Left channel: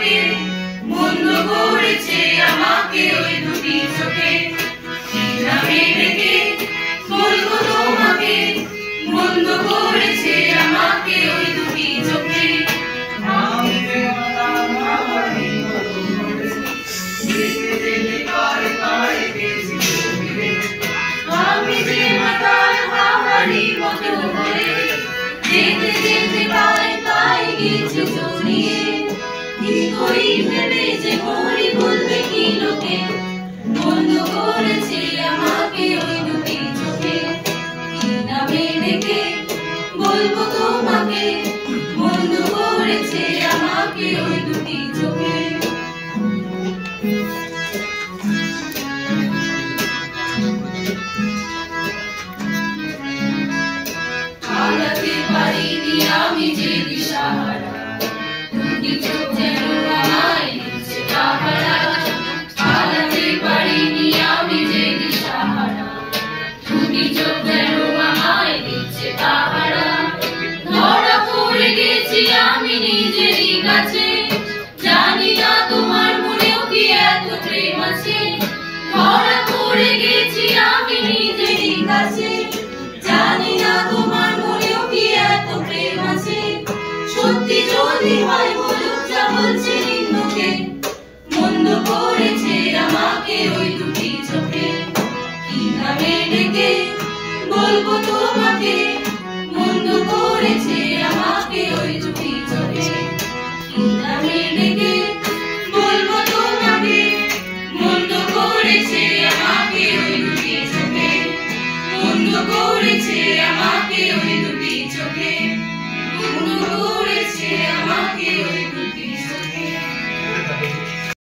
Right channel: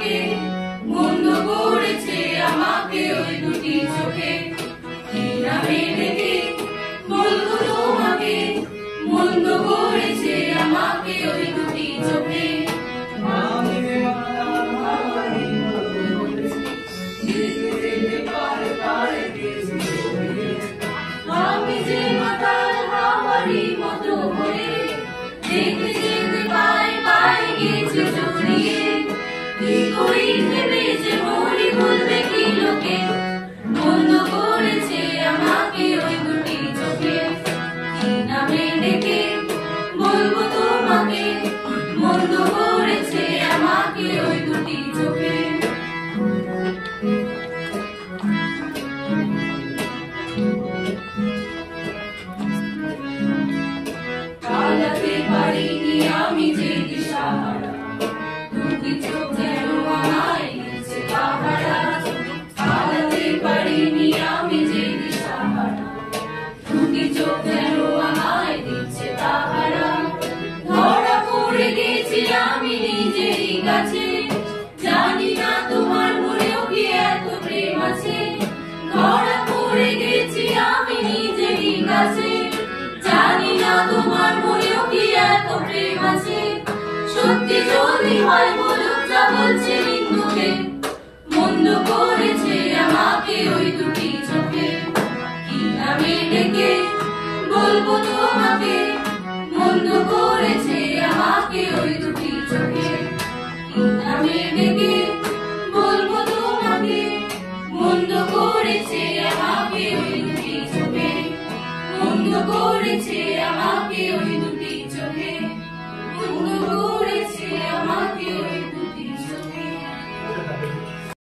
তোমাকে বন্ধ করেছে আমাকে ওই দুটি চোখে কি নামে ডেকে বলবো তোমাকে বন্ধ করেছে আমাকে ওই দুটি চোখে আমি যে মাতাল হাওয়ারি মতো যেতে যেতে পারে পারে গেছি চোখে আমি যে মাতাল হাওয়ারি মতো হয়ে যেতে যেতে পারে পারে গেছি জড়িয়ে কি করি ভেবে যে মরি বলবে কি লোকে বন্ধ করেছে আমাকে ওই দুটি চোখে কি নামে ডেকে বলবো তোমাকে বন্ধ করেছে আমাকে ওই দুটি চোখে পালাতে পারিনি আমি যে দিশাহারা দুটি চোখ যেন আমায় দিচ্ছে পাহারা পালাতে পারিনি আমি যে দিশাহারা দুটি চোখ যেন আমায় দিচ্ছে পাহারা ধরা পড়ে গেছি আমি নিজেরই কাছে জানি না তোমার মনেও কি এত প্রেম আছে ধরা পড়ে গেছি আমি নিজেরই কাছে জানি না তোমার মনেও কি এত প্রেম আছে সত্যি যদি হয় বলো যা বলছি